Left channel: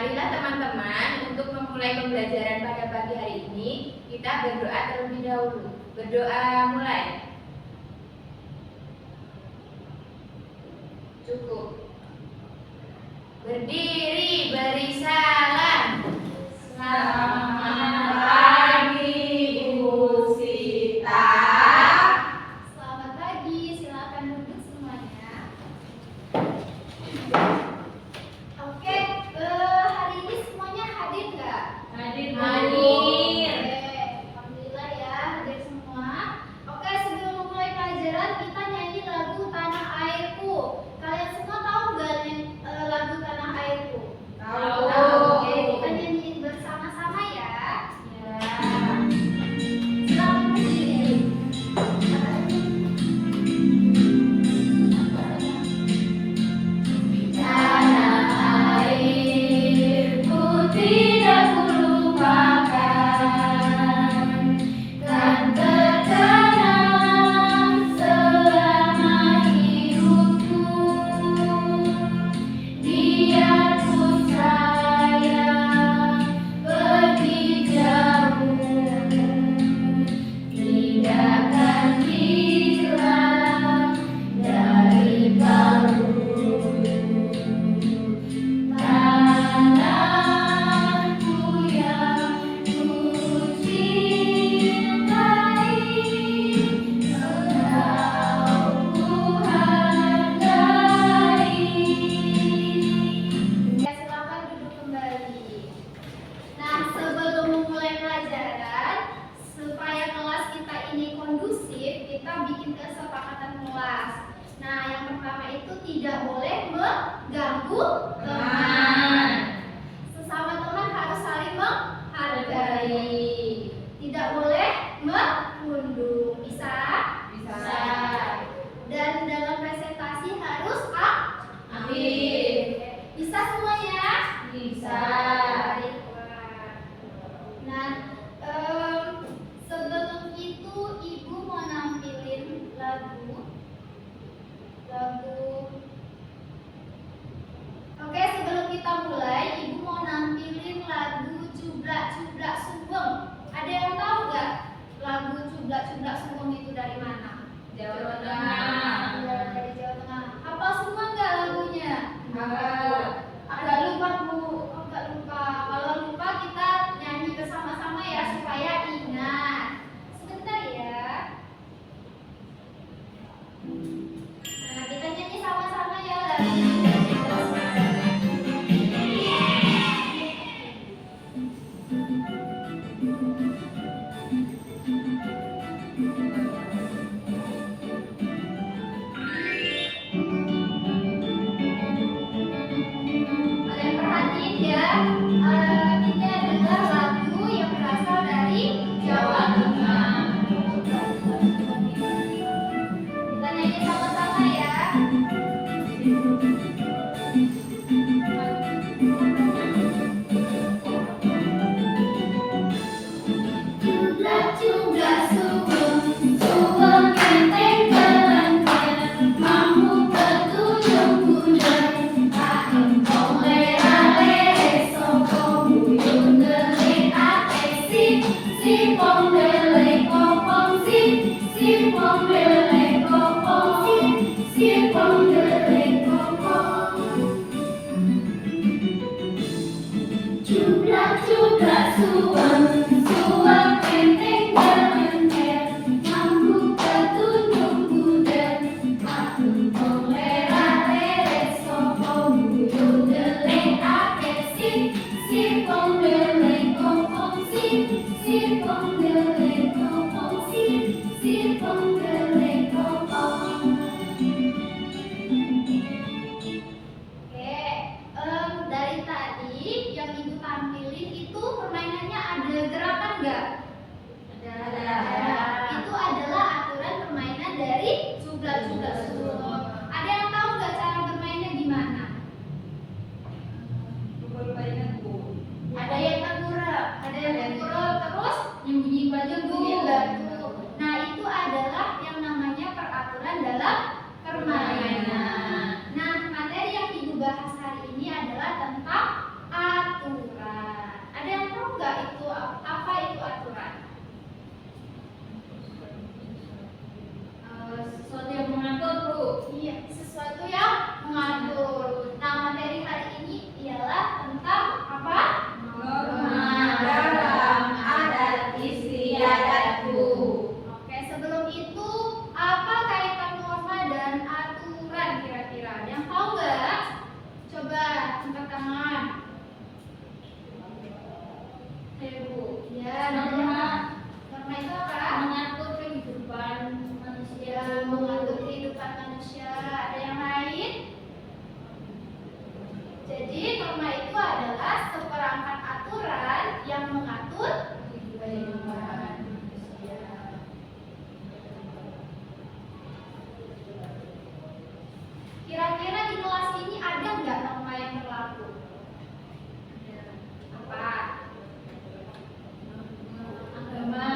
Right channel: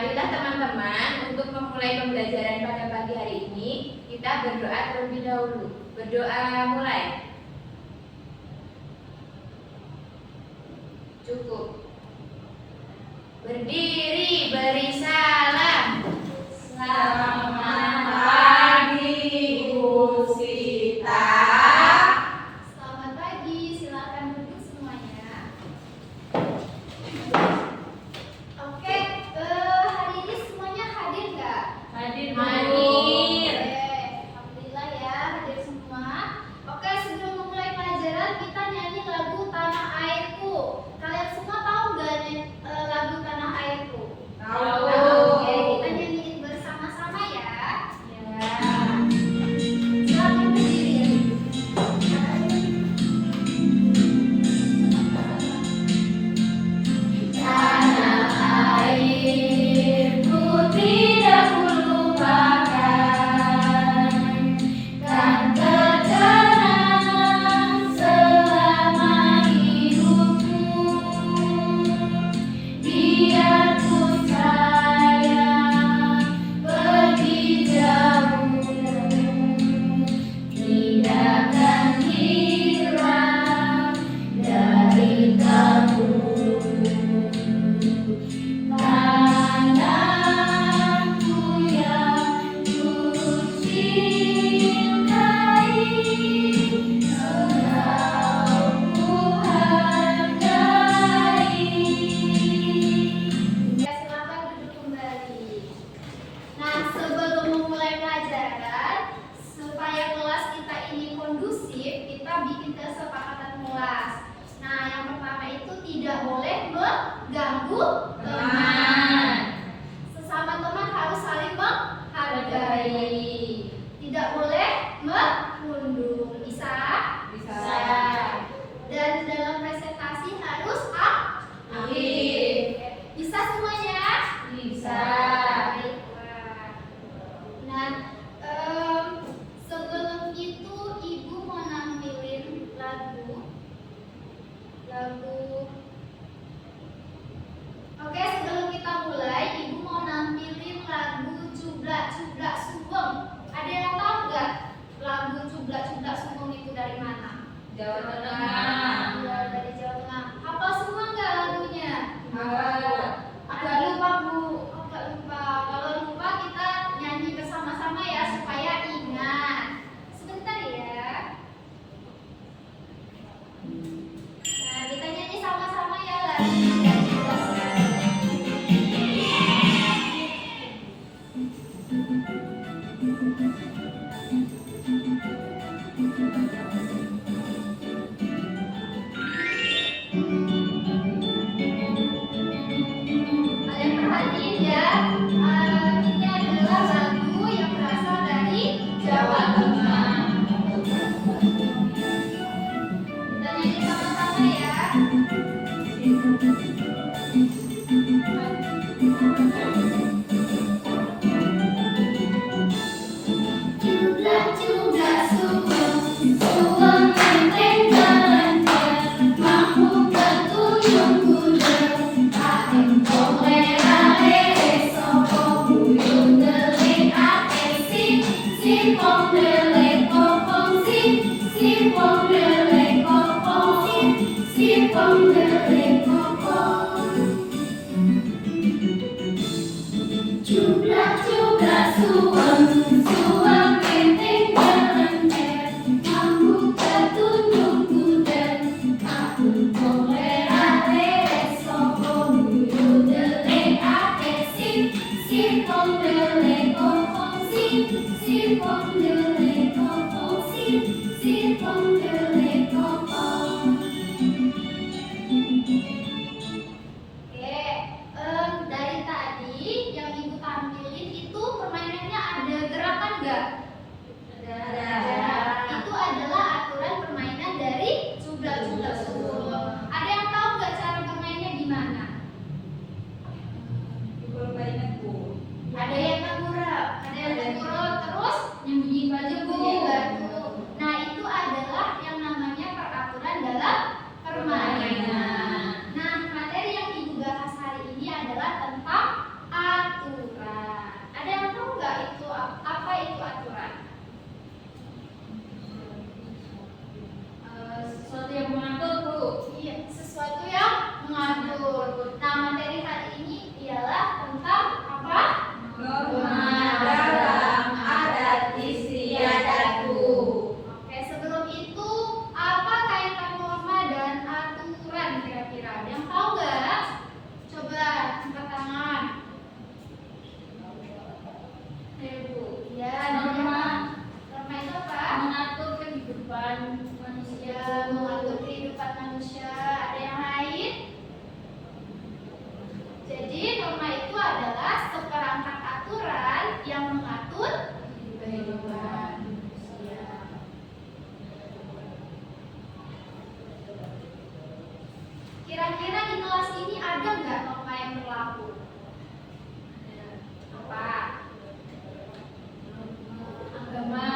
Marilah teman-teman, untuk memulai pembelajaran pada pagi hari ini, kita berdoa terlebih dahulu. Berdoa mulai. Cukup. Berdiri, beri salam. Selamat pagi, Bu Sita. Selamat pagi, silakan duduk semuanya. Oke, hari ini semuanya hadir nggak? Hadir, Bu. Oke, alhamdulillah ya hadir semua. Oke, sebelum memulai pelajaran kita nyanyi lagu Tanah Airku. Kalian semua tahu nggak lagu Tanah Airku? Tahu. Oke, kita nyanyiin bersama-sama ya. Silakan berdiri. Tanah airku tidak kulupakan, kan terkenang selama hidupku. Biarpun saya pergi jauh, tidak akan hilang dari kalbu. Tanahku yang ku cintai, engkau ku hargai. Ya, silakan duduk kembali. Nah, sebelum memulai pelajaran, supaya kelas kita ini kondusif, kita bikin kesepakatan kelas. Nah, yang pertama itu tidak boleh mengganggu teman. Sesama teman harus saling menghargai. Tidak boleh mengunduh. Bisa? Bisa. Dan dalam presentasi harus Aktif. Bisa semuanya? Bisa. Baiklah. Nah, sebelum itu Ibu mau nampilin lagu. Oke, sebelum kita mulai, Ibu mau nampilin lagu Cublak Cublak Sugeng. Ada yang tahu nggak lagu Cublak Cublak Sugeng itu dari mana? Jawa Tengah. Ya, dari Jawa Tengah. Hafal semua nggak lagunya? Hafal. Agak lupa, Bu. Agak lupa. Kalau lupa kita nyanyi bersama-sama ya supaya ingat. Sebentar ya. Nah, kita nyanyi sama-sama ya lagu. Kalian perhatiin ya, ini adalah lagu yang berasal dari Jawa Tengah. Kita nyanyi sama-sama ya. Nah, materi hari ini ialah tentang apa? Norma dalam adat istiadatku. Oke, sebelum itu apa kaitan norma dan aturan kira-kira? Yang tahu nggak? Coba angkat tangan. Ayo Bu. Ya, Norma norma itu apa? mengatur kehidupan manusia. Ya, mengatur kehidupan manusia. Ada yang lain? Jadi norma itu adalah seperangkat aturan yang mengatur kehidupan manusia. Kira-kira di kelas ini ada nggak norma yang berlaku? Apa? Agama,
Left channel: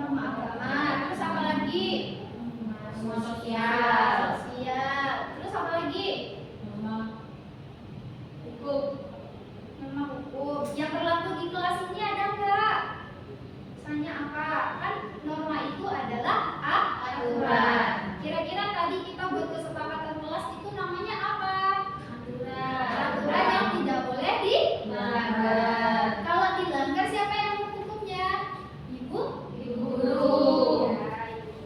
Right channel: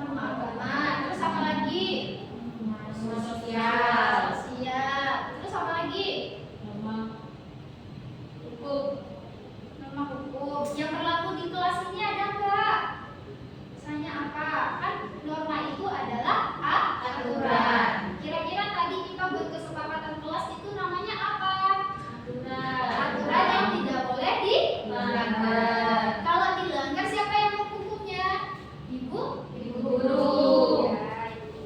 Norma agama. Terus apa lagi? norma sosial, Sosial. Terus apa lagi? norma hukum. Norma hukum. Yang berlaku di kelas ini ada nggak? Misalnya apa? Kan norma itu adalah aturan. Kira-kira tadi kita buat kesepakatan kelas itu namanya apa? Aturan yang tidak boleh dilanggar. Kalau dilanggar siapa yang menghukumnya? Ibu? Ibu guru. Ya, ibu.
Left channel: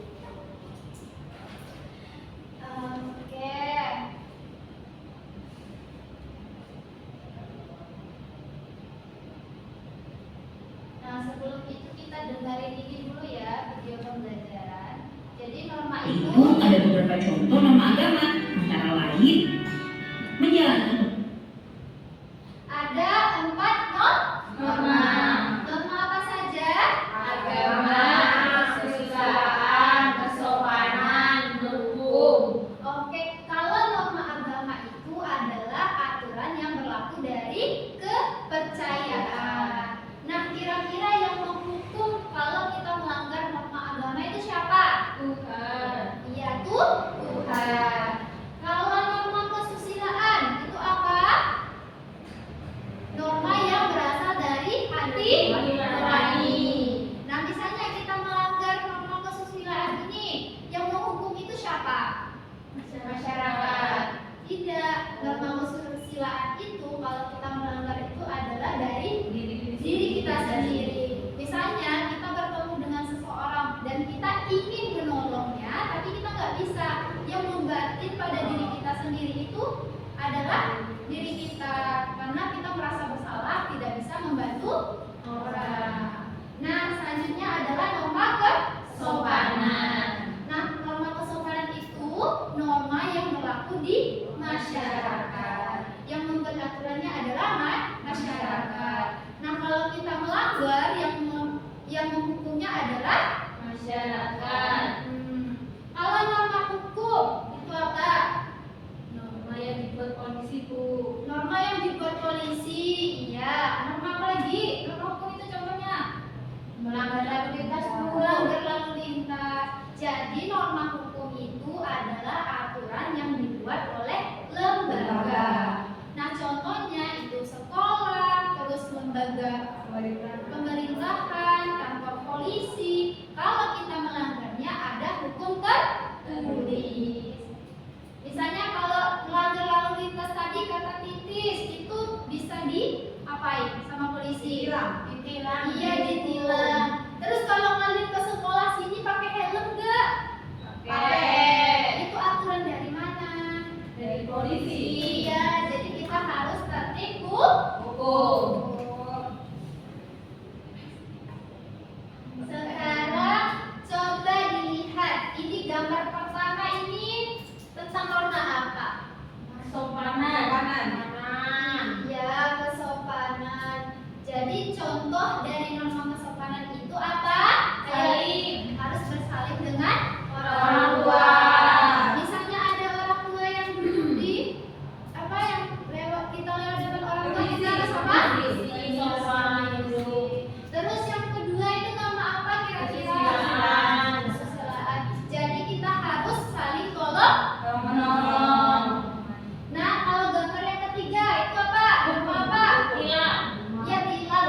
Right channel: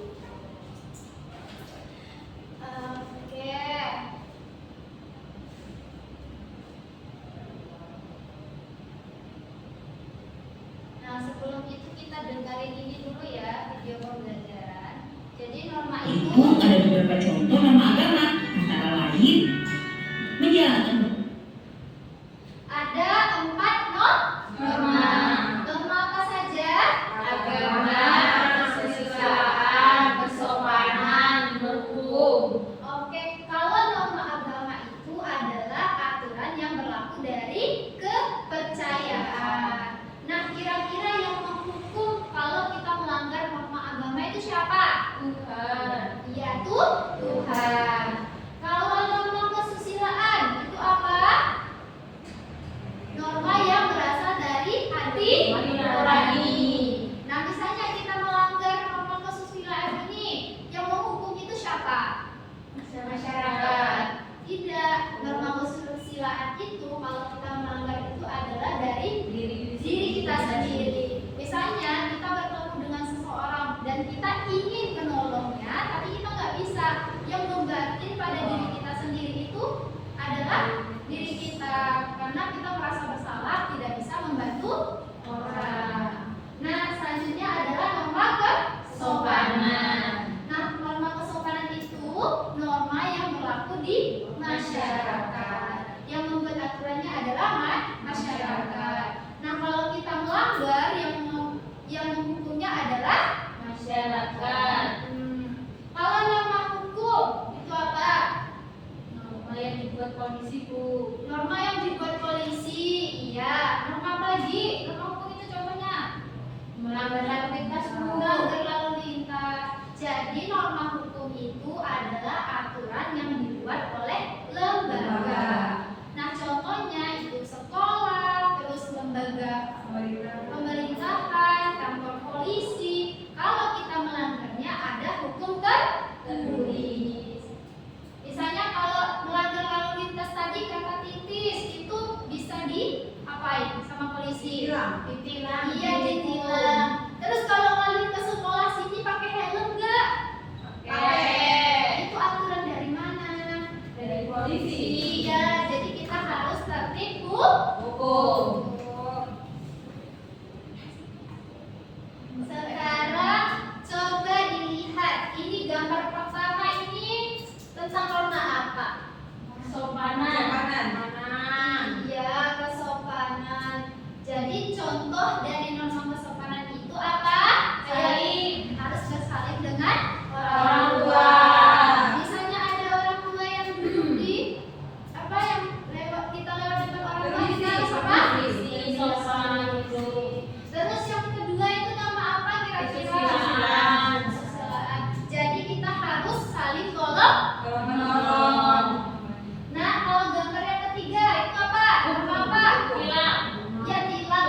Oke. Nah, sebelum itu kita dengerin ini dulu ya, video pembelajaran. Jadi norma itu Berikut ada beberapa contoh nama agama, antara lain menjalankan ada 4 Norma. Norma apa saja? Agama, kesusilaan, kesopanan, berhukum. Oke, kalau norma agama itu adalah aturan yang berlaku dari kepercayaan. Nah, kira-kira yang menghukum kalau kita melanggar norma agama itu siapa? Tuhan. Iya tuh, Tuhan. Kalau norma kesusilaan itu apa? Norma yang berasal dari hati nurani. Nah, misalnya kita melanggar norma kesusilaan ini, yang menghukum itu siapa? Masyarakat. Tidak, norma kesusilaan itu kalau kita melanggar itu adalah dari diri kita sendiri. Misalnya kita bertemu dengan seseorang dan kita ingin menolongnya, tapi kita nggak bisa. Yang membatin pada diri kita sendiri itu adalah diri kita, karena kita merasa bersalah tidak bisa membantu orang. Nah, selanjutnya adalah norma kesopanan. Nah, norma kesopanan itu norma yang berlaku di masyarakat. Yang membuat aturannya adalah masyarakat. Nah, kalau kita melanggar, yang menghukumnya adalah Masyarakat. Kalau norma hukum itu apa? Norma yang dibuat polisi Bu. Norma yang dibuat polisi. Iya. Norma apa lagi? Norma hukum itu contohnya Melanggar lalu lintas Bu. melanggar lalu lintas. Jadi norma hukum itu adalah aturan yang dibuat oleh lembaga. Nah, contohnya itu sekolah, terus lembaga pemerintahan, kantor polisi. Kalau kita melanggarnya ada hukum tertulis. Misalnya kalau melanggar lalu lintas tadi kata titis itu bisa diapain sama polisi? Ditilang. Iya, ditilang. Terus kalau ngalir ke sekolah sini pakai helm enggak? Pakai. Itu aturan dari mana? Dari polisi. Iya, jadi kita harus tertib hukum. Sekarang coba dilihat, ini gambar pertama ini tentang norma apa? Kesopanan. Iya, kesopanan. Jadi contoh dari norma kesopanan itu apa? Saling. Harus bersaling dengan Orang tua. Misalnya ada orang tua yang duduk di apa yang kita lewat depan orang tua kita harus apa? Sopan itu. Terus yang kedua itu norma apa kira-kira? Kesusilaan. Kesusilaan. Jadi kita harus saling tolong Menolong. Nah, kalau gambar yang ketiga itu apa? Norma apa? Tilang. Ya, tilang.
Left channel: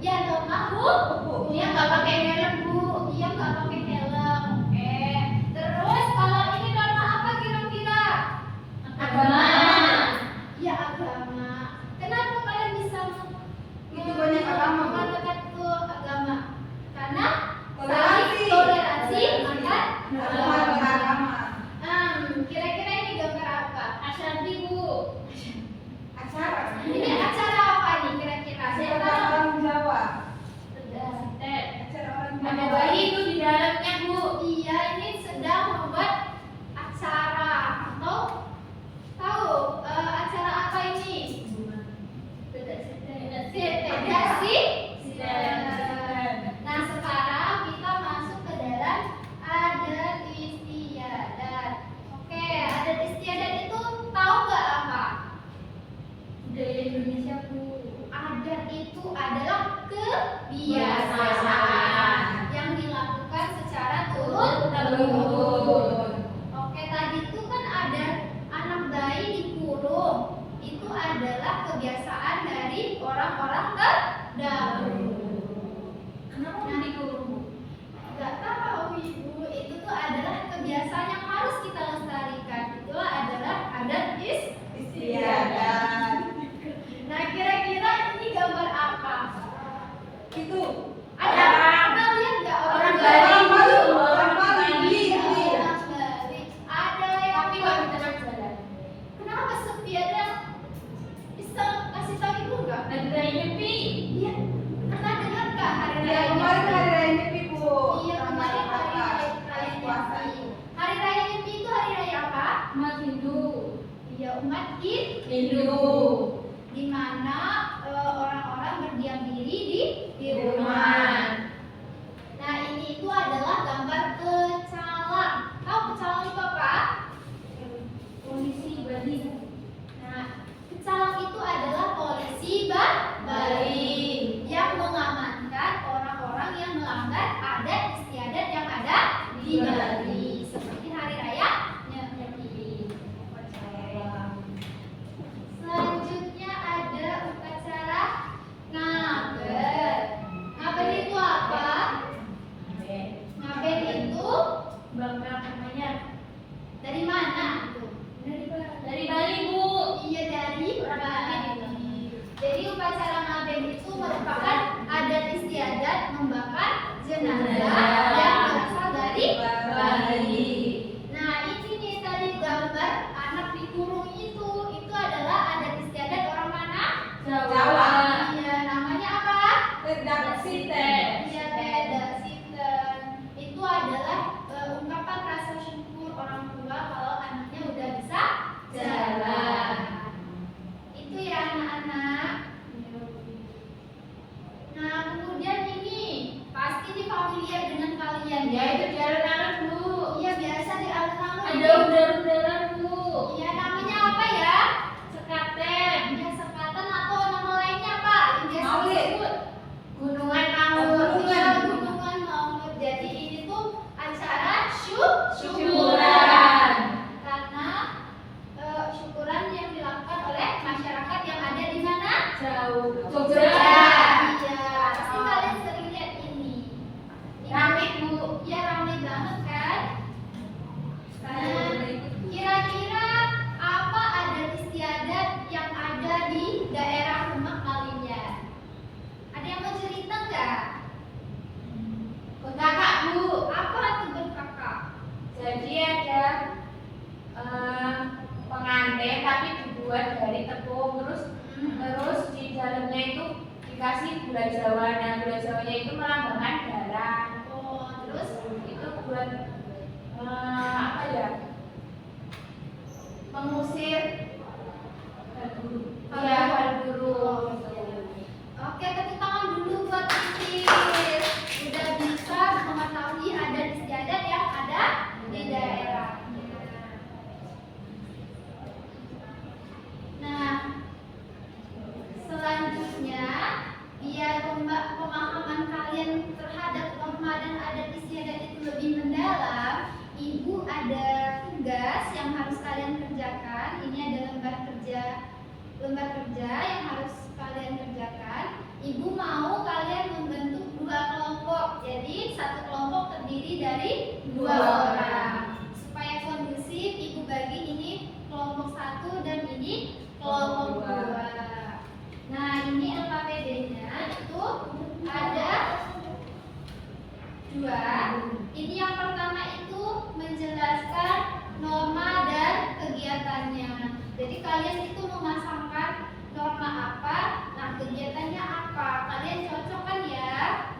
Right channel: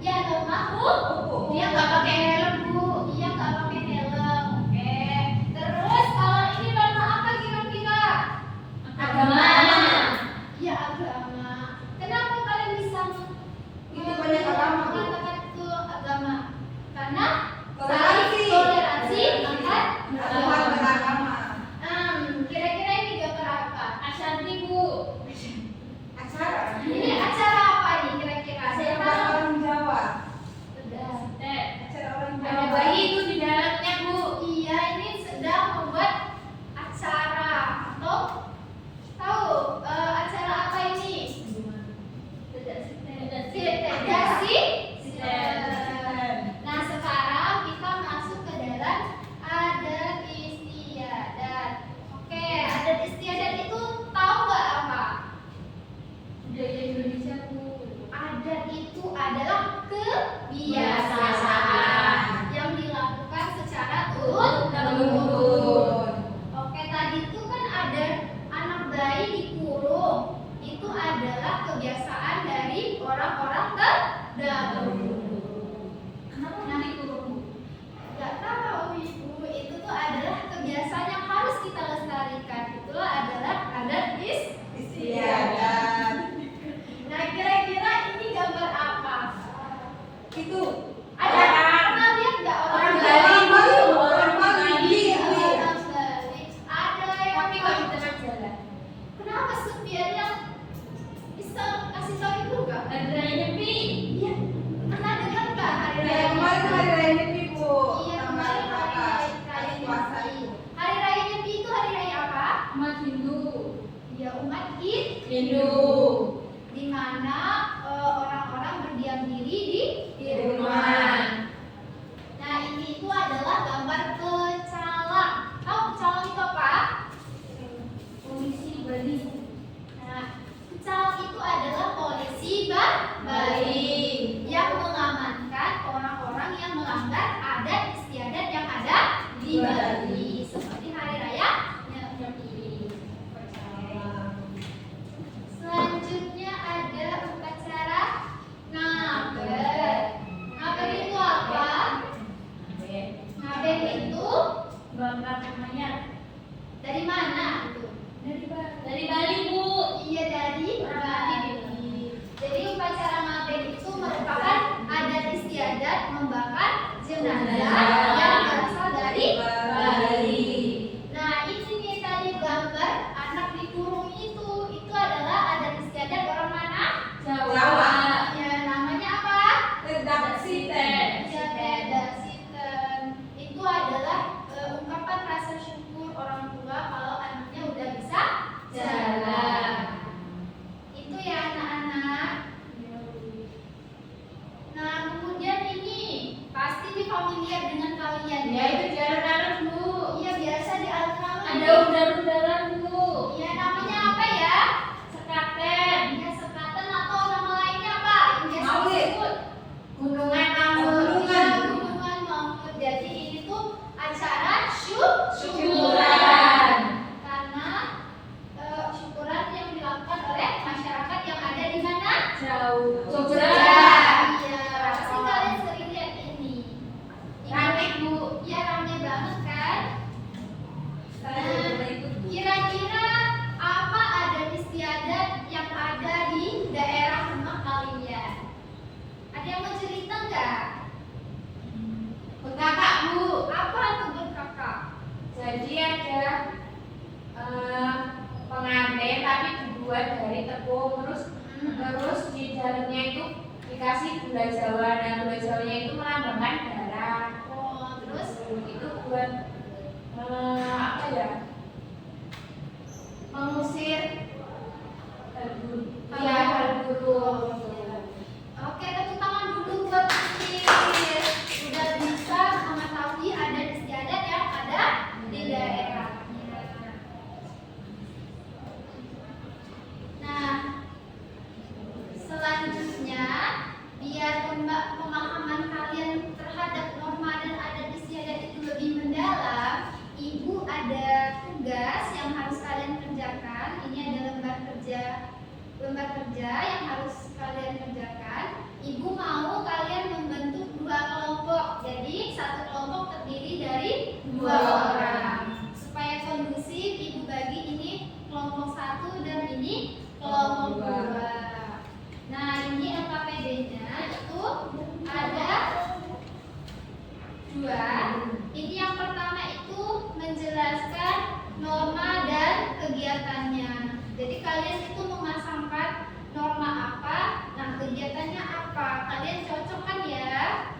Ya, norma hukum. Dia nggak pakai helm, Bu. Iya, nggak pakai helm. Oke. Terus kalau ini norma apa kira-kira? Agama. Rindu. di mana orang-orang berdiam diri di Rumah. Nah, ini itu adalah gambar pecalang. Tahu pecalang itu apa? Polisi Bali. Nah, pecalang itu adalah polisi Bali yang mengamankan orang-orang yang melanggar adat istiadat yang ada di Bali, seperti hari raya Nyepi. Selanjutnya ada upacara ngaben. Ngaben itu apa? Ngaben itu Bangga namanya. dari mana itu? Dari Bali, Bu. Iya, dari Bali. Jadi upacara ngaben itu merupakan adat istiadat membakar jenazah yang berasal dari Bali. Nah, ini nih tadi gambar anak dikurung itu adalah adat istiadat orang mana? Jawa. Ya, namanya apa? Tedak Siten. Ya, beda Siten. Itu adalah ungkapan rasa syukur orang tua kalau anaknya udah bisa jalan. Itu ya anak-anak. Nah, kemudian ini pasti di familiar dengan kalian Ya, itu jalan-jalan, Bu. Iya, biasa di alun-alun. Ada udara-udara, Bu. Ya, namanya apa ya? Sekaten. Ya, sekaten atau nama lainnya apa? Yang biasa Maulid. disebut Gunungan Ya, Maulid. gunungan Maulid. Jadi ini tuh acara Syukuran. karena syukuran yang dilakukan oleh masyarakat yang ada di mana? Jauh. Jogja. Iya, pasti kalian sering lihat ini. Rame, Bu. Ya, ramai banget kan? Saya berikut, Bu. Kira-kira apa adat istiadat yang ada di daerah rumah kalian? Ada yang mau cerita nggak? Kakak, Bu. Apa tuh berkakak? Jadi ada pengantin tapi dibuat dari tepung, terus di dalamnya itu dikasih gula Jawa. Nah, gula Jawanya itu melambangkan darah. Oh, terus Itu buat apa ya? Mengusir hal buruk. oke, tepuk tangan dulu buat Titir. Udah bisa mengetahui adat istiadat yang ada di daerahnya. Nah, selanjutnya biar pemahaman kalian terhadap norma dan adat istiadat itu lebih mendalam, Ibu ada tugas yang harus kalian kerjakan. Ini ada lembar kerja yang harus kalian kerjakan. Ibu mau kalian membentuk 2 kelompok. Jadi satu kelompok terdiri dari 2 orang. Supaya kondusif, Ibu bagi ini kelompok 1 dan ini kelompok 2. Nah, ini LKPD-nya itu ada 2. Ini yang pertama itu menjelaskan norma dan kegiatannya. Jadi kalian itu memasangkan norma apa, nah kegiatannya apa. Kalian cocok kan ya?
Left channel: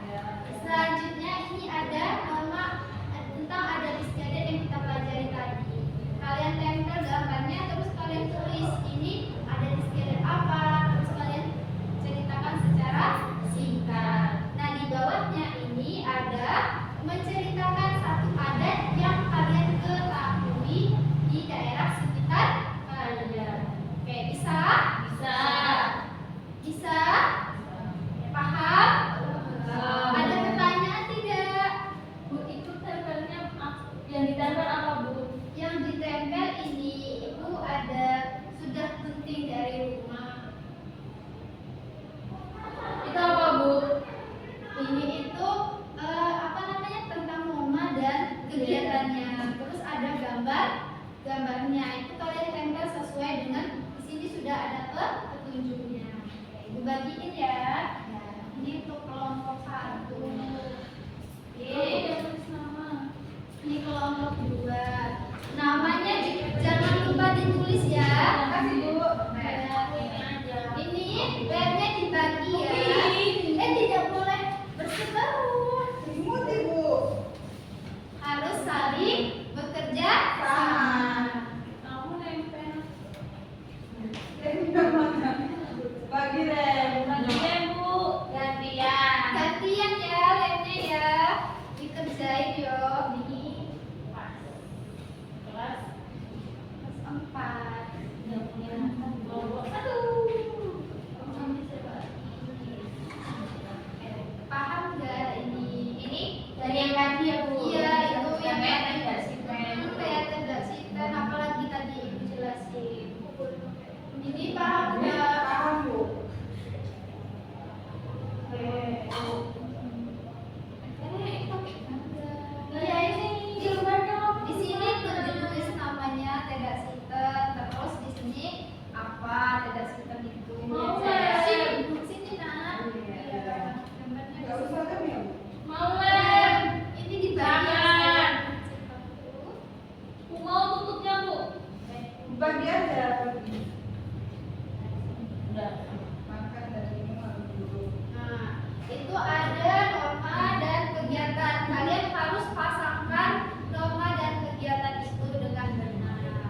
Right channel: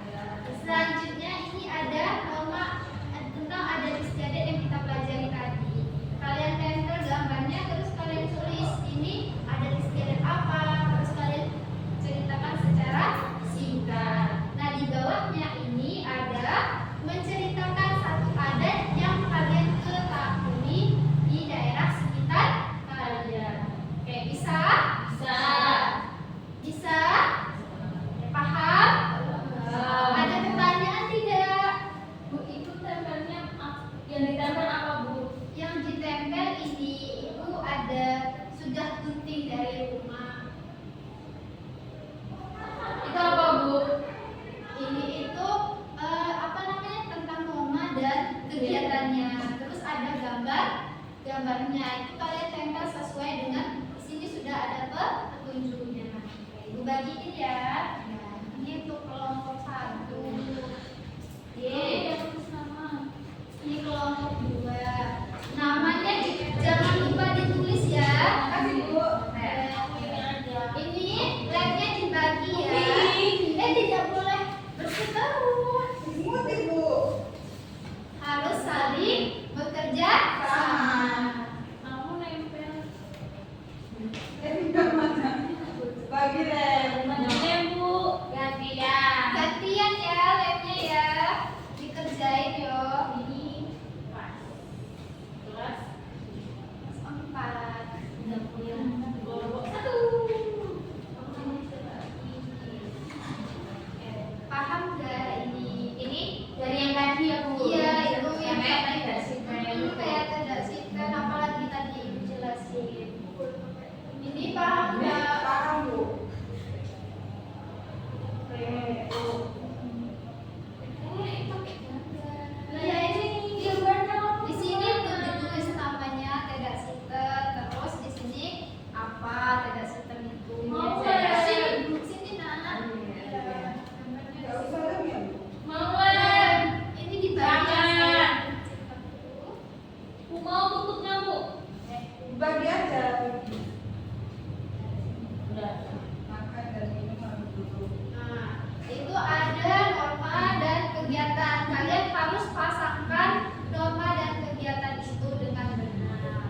Selanjutnya ini ada norma tentang adat istiadat yang kita pelajari tadi. Kalian tempel gambarnya terus kalian tulis ini Bagi lem. Bu. Gantian. Gantian ya lemnya ya. Dikerjain yo. Ini Kelas kelas 4. Paham nggak ini? ini dari yang tadi ya Bu. Iya, itu yang Sampai tadi. tidak simen. Kayak tidak sipen, apalagi tadi ibu jelasin. Ini paham nggak? Paham Bu. Iya ini di sini tuh ditulis namanya tidak sipen, terus di sini apa tidak sipen itu. Mau Sini nak. Iya, gambarnya di Nggak sini. usah lem ya. Mau lem. Ini di bagian Jangan. saya cepat dulu. Bu mau tutupnya Bu. Bagi aja. Udah. Makan dan minum harus duduk. Nah, itu ada norma dan kegiatan. Kalian harus pasangkan norma dan kegiatan itu dengan benar.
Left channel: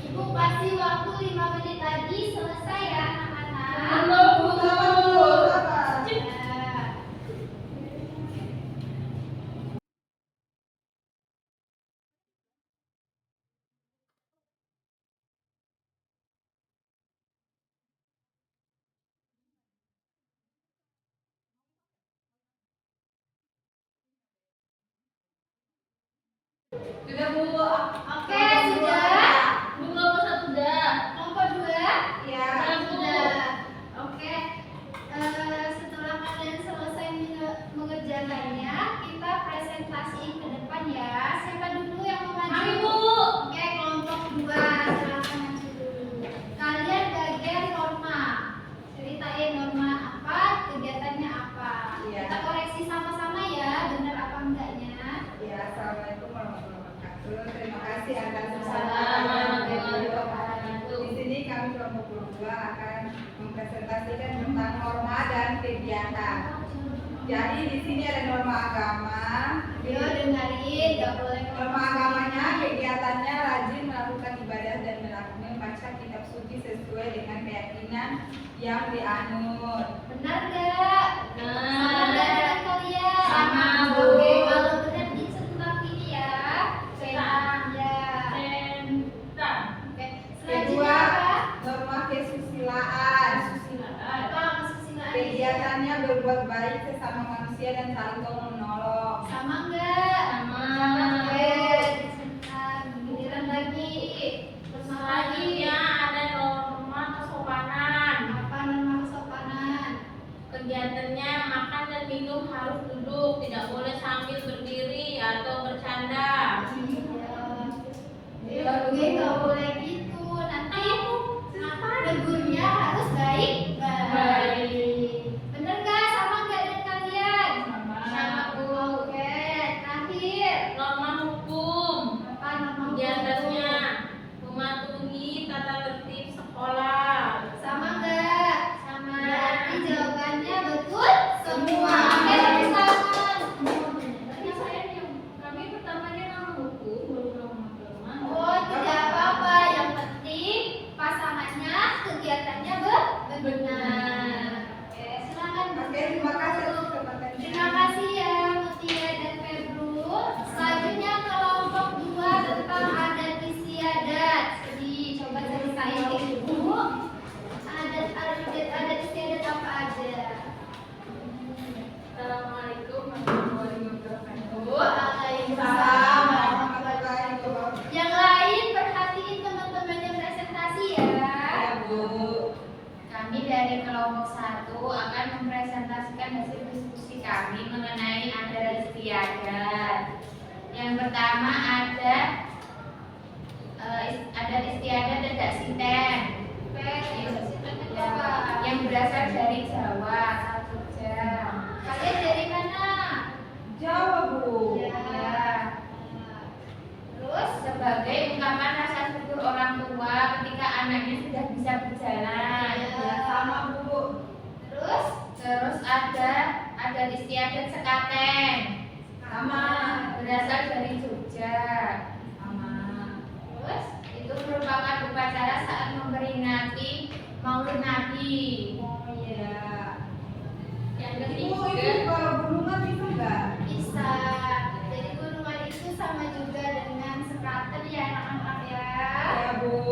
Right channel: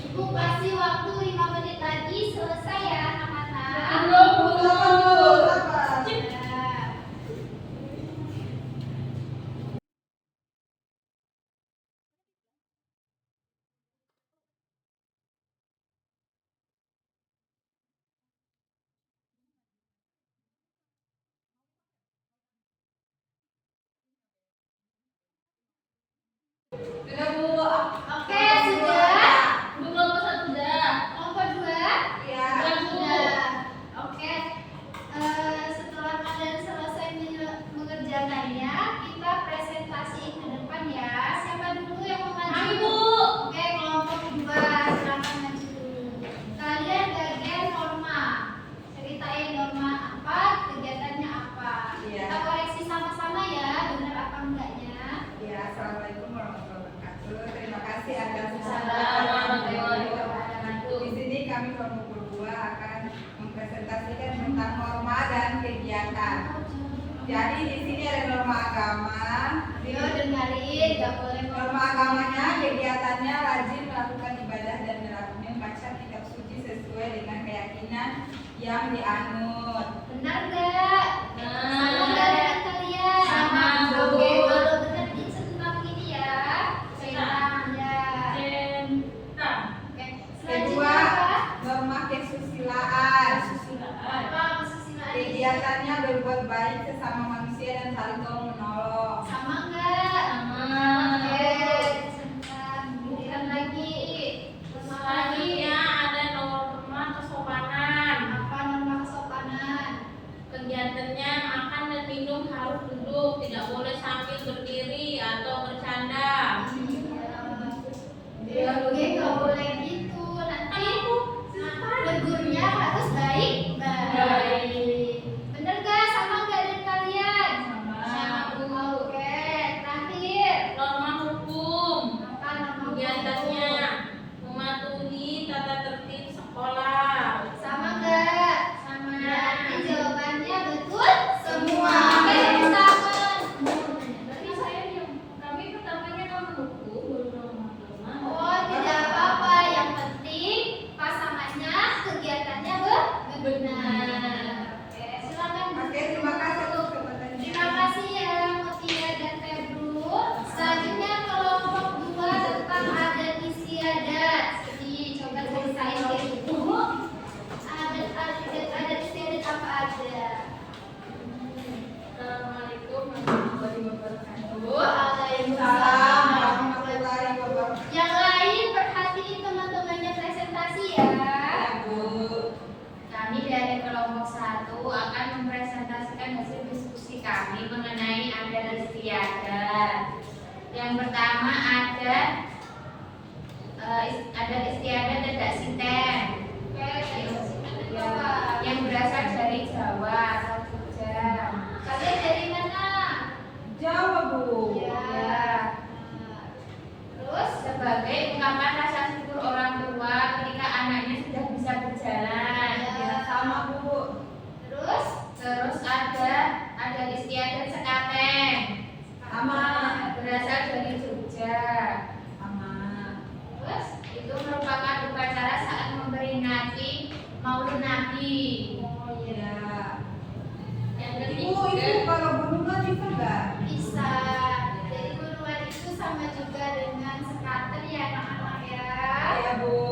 Ibu kasih waktu 5 menit lagi selesai ya anak-anak. Halo Bu. Sabar Bu, sabar. Nah, Sudah Bu. oke sudah. Bu kelompok 1 sudah. Nomor 2. Ya. Sudah. Oke. Setelah kalian selesai mengerjakannya, kita presentasi ke depan ya. Siapa dulu yang mau maju? Mari, Bu. Oke, kelompok 2. Silakan maju dulu. Kalian bagian norma. Ceritain norma apa, kegiatannya apa. Iya. Kita koreksi sama-sama ya, benar apa enggaknya. Ya, assalamualaikum warahmatullahi wabarakatuh. Terima kasih atas Warahmatullahi wabarakatuh. Di sini kami kelompok kedua akan mempresentasikan tentang norma dan kegiatan. Jadi di sini ada norma agama. Ayo dengerin, gak boleh Norma agamanya kegiatannya rajin melakukan ibadah dan membaca kitab suci sesuai dengan keyakinan yang dianut. Benar gak? Sama nggak dengan kalian? Sama, Bu. Oke, kalau benar dicentang ini ya. Centang ya. Centang. Oke. Kedua, Selanjutnya apa? norma kesusilaan. Apa kesusilaan? Kegiatannya berbuat baik sesama manusia dan saling tolong menolong. Sama nggak? Sama. Oke, dicentang. Giliran lagi. Selanjutnya ada norma kesopanan. Apa norma kesopanan? Kegiatannya makan dan minum harus duduk, tidak boleh sambil berdiri atau bercanda. Ya. Oke, nggak boleh gitu. Nanti negurnya harus baik. Bener gak? Sama nggak dengan kalian? Sama. Bu. Oke, terakhir. Norma hukum. Apa norma Kegiatannya hukum? mematuhi tata tertib sekolah. Sama nggak? Sama. Berarti jawabannya betul semua. Oke, tepuk tangan. Tapi saya kami pertamanya norma hukum, baru norma. Oh, tidak apa-apa. Yang penting pasangannya kegiatannya benar. Oke, silakan. Oke, terima kasih untuk kesempatannya. Terima kasih ya Mutia dan Febru. Selanjutnya kelompok 2 tentang adat istiadat. Jadi coba ceritain dulu. Adat istiadat apa aja? Assalamualaikum warahmatullahi wabarakatuh. Waalaikumsalam. warahmatullahi wabarakatuh. Yang lain perhatiin teman-temannya presentasi ya. Ya, Bu. Kami dari kelompok 1 akan mempresentasikan hasil diskusi kami mengenai adat istiadat. Yang pertama ada adat istiadat Tedak Siten. Yang berasal dari Jawa, asal Jogja. Kalian dari mana? Jawa, Bu. Ya. Terus Sebagai ungkapan rasa syukur orang tua ketika anaknya sudah bisa berjalan. Ya. Ya, sama, Bu. terus Terus ada adat istiadat Klaten. Sama. Berasal dari Jogja. Sama. Terus? Itu merupakan upacara saat memperingati Maulid Nabi. Oh iya. Yang Ibu ketiga, kalau gunungan bisa nggak? Bisa. Jadi gunungan itu sama juga dengan sekaten ya anak-anak ya. Ya Bu.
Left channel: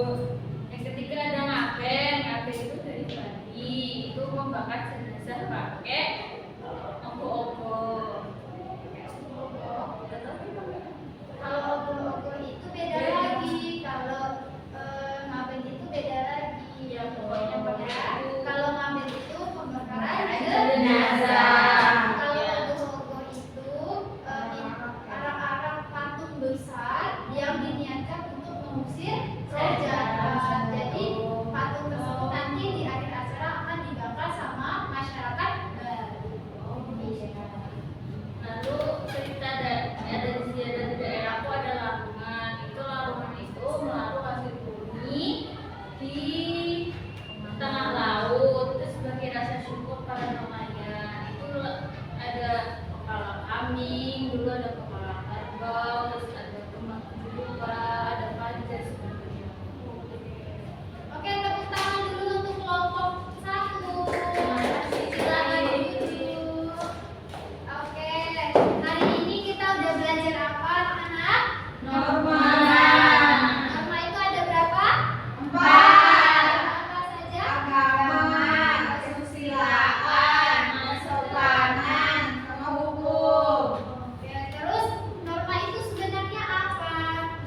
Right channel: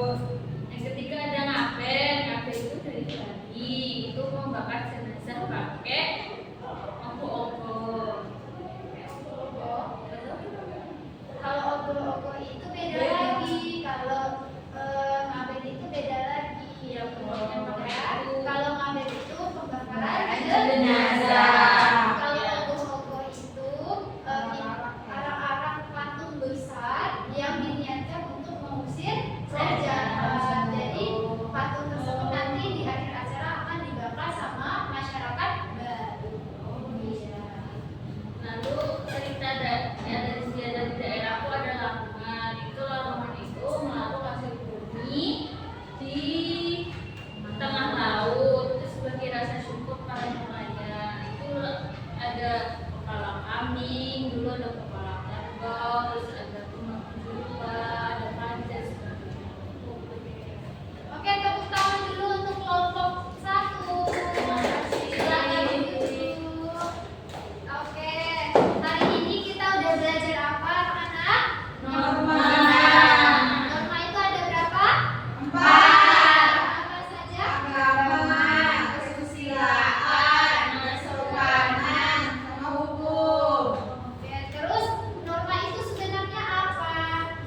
yang ketiga ada ngaben. Ngaben itu dari Bali. Itu membakar jenazah pakai obor-obor. Kalau ogo-ogo itu beda lagi. Kalau ngaben itu beda lagi. Ya, pokoknya pakai itu. Kalau ngaben itu pembakaran Jenazah. Kalau Ya. ogo-ogo itu arak-arak patung besar yang diniatkan untuk mengusir roh jahat. Jadi patung tersebut nanti di akhir acara akan dibakar sama masyarakat baru. Iya. Lalu cerita dari daerahku ada Lamongan. Itu Lamongan itu melarung hasil bumi di tengah laut. Itu sebagai rasa syukur para nelayan. Itu ada kepala kambing, dulu ada kepala kerbau, terus ada kembang julupa, ada panjat sebagainya. Oke, tepuk tangan dulu untuk kelompok 1. Terima kasih. Silakan duduk. Oke, hari ini kita udah belajar apa, anak-anak? Norma. Norma itu ada berapa? 4. Apa saja? Agama, kesusilaan, kesopanan, sama hukum. Oke, terus norma itu sebenarnya apa?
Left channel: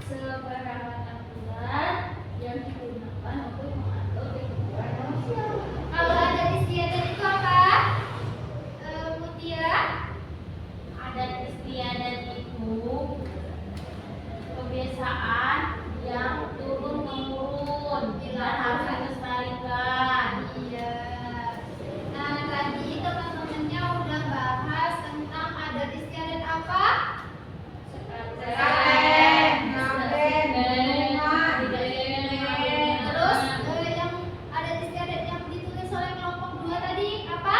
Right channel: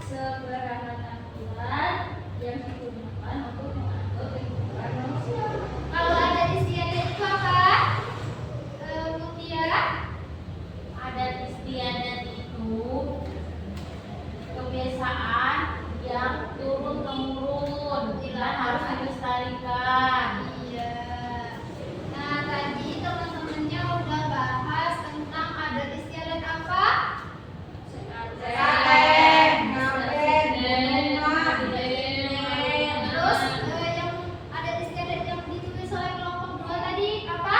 Sebarangan aturan yang digunakan untuk mengatur kehidupan manusia. Kalau ada istiadat itu apa? Mutia? Adat istiadat itu kebiasaan yang turun temurun dan harus dilestarikan. Iya. Nah, tadi teman-temannya udah bahas tentang adat istiadat apa? Klaten, ngaben, gunungan, Terus yang adat istiadat yang ditulis oleh kelompok 2 tadi apa?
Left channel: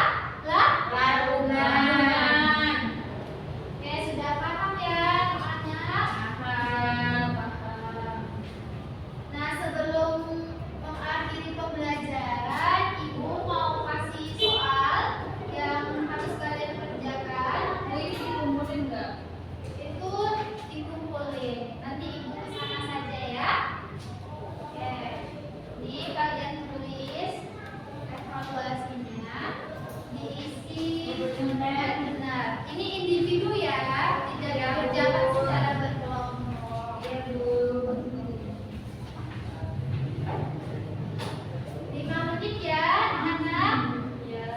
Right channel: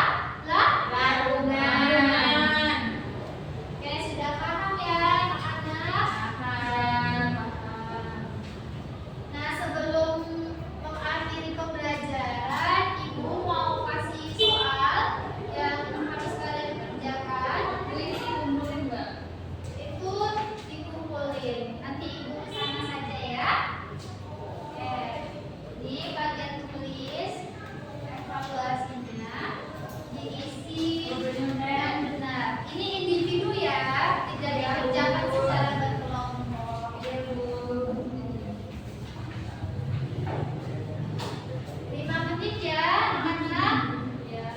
Lah? Larungan. Oke, sudah paham ya anak-anak? Nah, sebelum mengakhiri pembelajaran, Ibu mau kasih soal yang harus kalian kerjakan. Ini dikumpulin nggak? Itu dikumpulin. Nanti Ibu kesana saja ya. Oke. Di bagian tulis evaluasinya diisi dengan benar. Ini individu ya, tidak dikerjakan secara berkelompok. Ya Bu. 5 menit ya, anak-anak. Ya,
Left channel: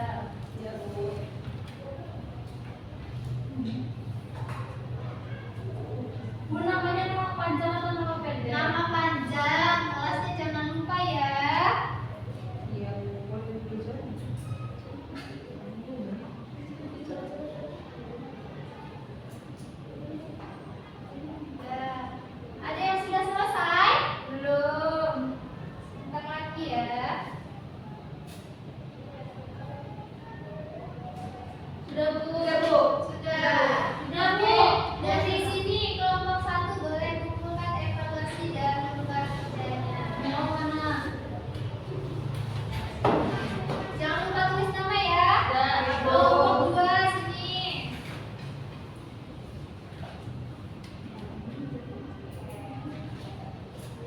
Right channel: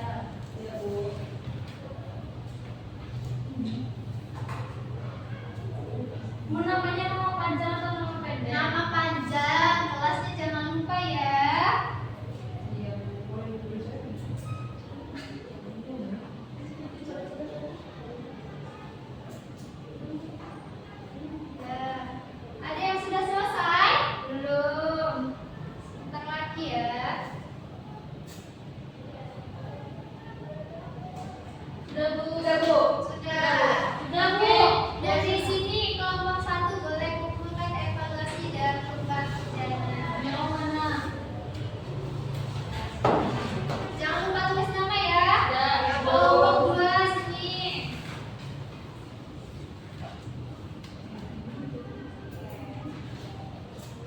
ya Bu. Bu, namanya nama panjang atau nama pendek? Nama panjang, kelasnya jangan lupa ya. Iya Bu, boleh belajar. Ya. Ada yang sudah selesai? Belum. Sebentar lagi ya. Sudah Bu. Sudah Bu. Sudah. Sudah Bu. Oke, dari sini kelompok 1 boleh kumpulkan evaluasi dan lomba kerjanya. Yang mana? Jangan lupa tulis nama ya. Ya, Ibu. Kelompok 2 sini.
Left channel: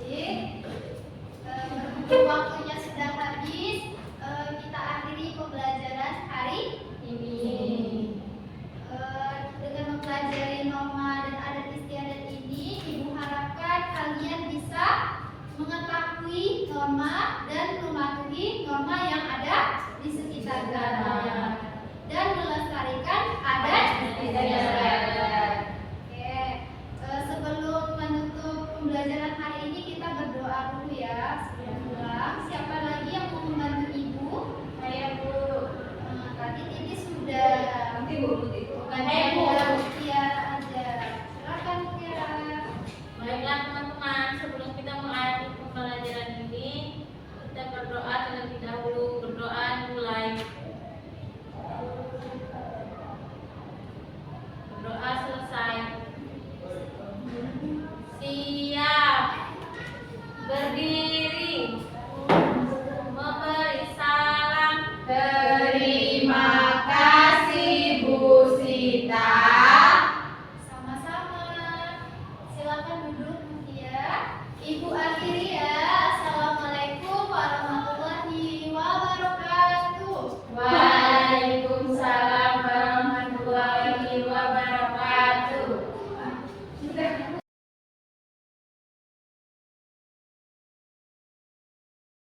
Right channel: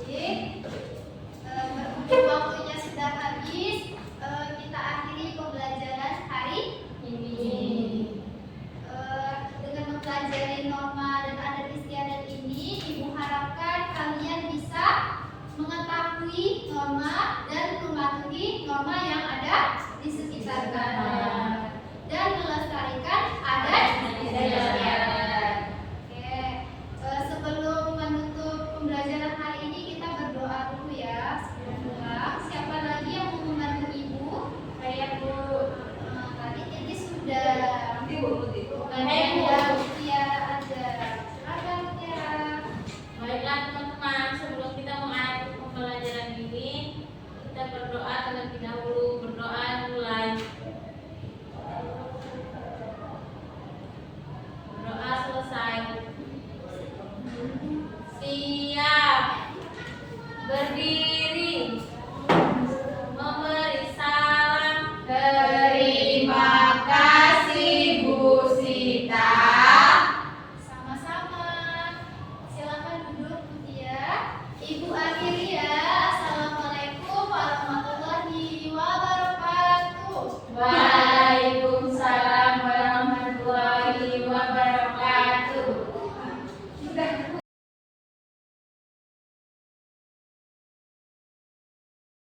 Jadi, berhubung waktunya sudah habis, kita akhiri pembelajaran hari ini. Dengan mempelajari norma dan adat istiadat ini, Ibu harapkan kalian bisa mengetahui norma dan mematuhi norma yang ada di sekitar kalian dan melestarikan adat istiadat. Oke, sebelum menutup pembelajaran hari ini kita berdoa dulu ya sebelum pulang. Siapa lagi yang mau membantu Ibu? Saya Bu. Tadi Titi sudah. Nanti Bu, nanti. Saya Bu.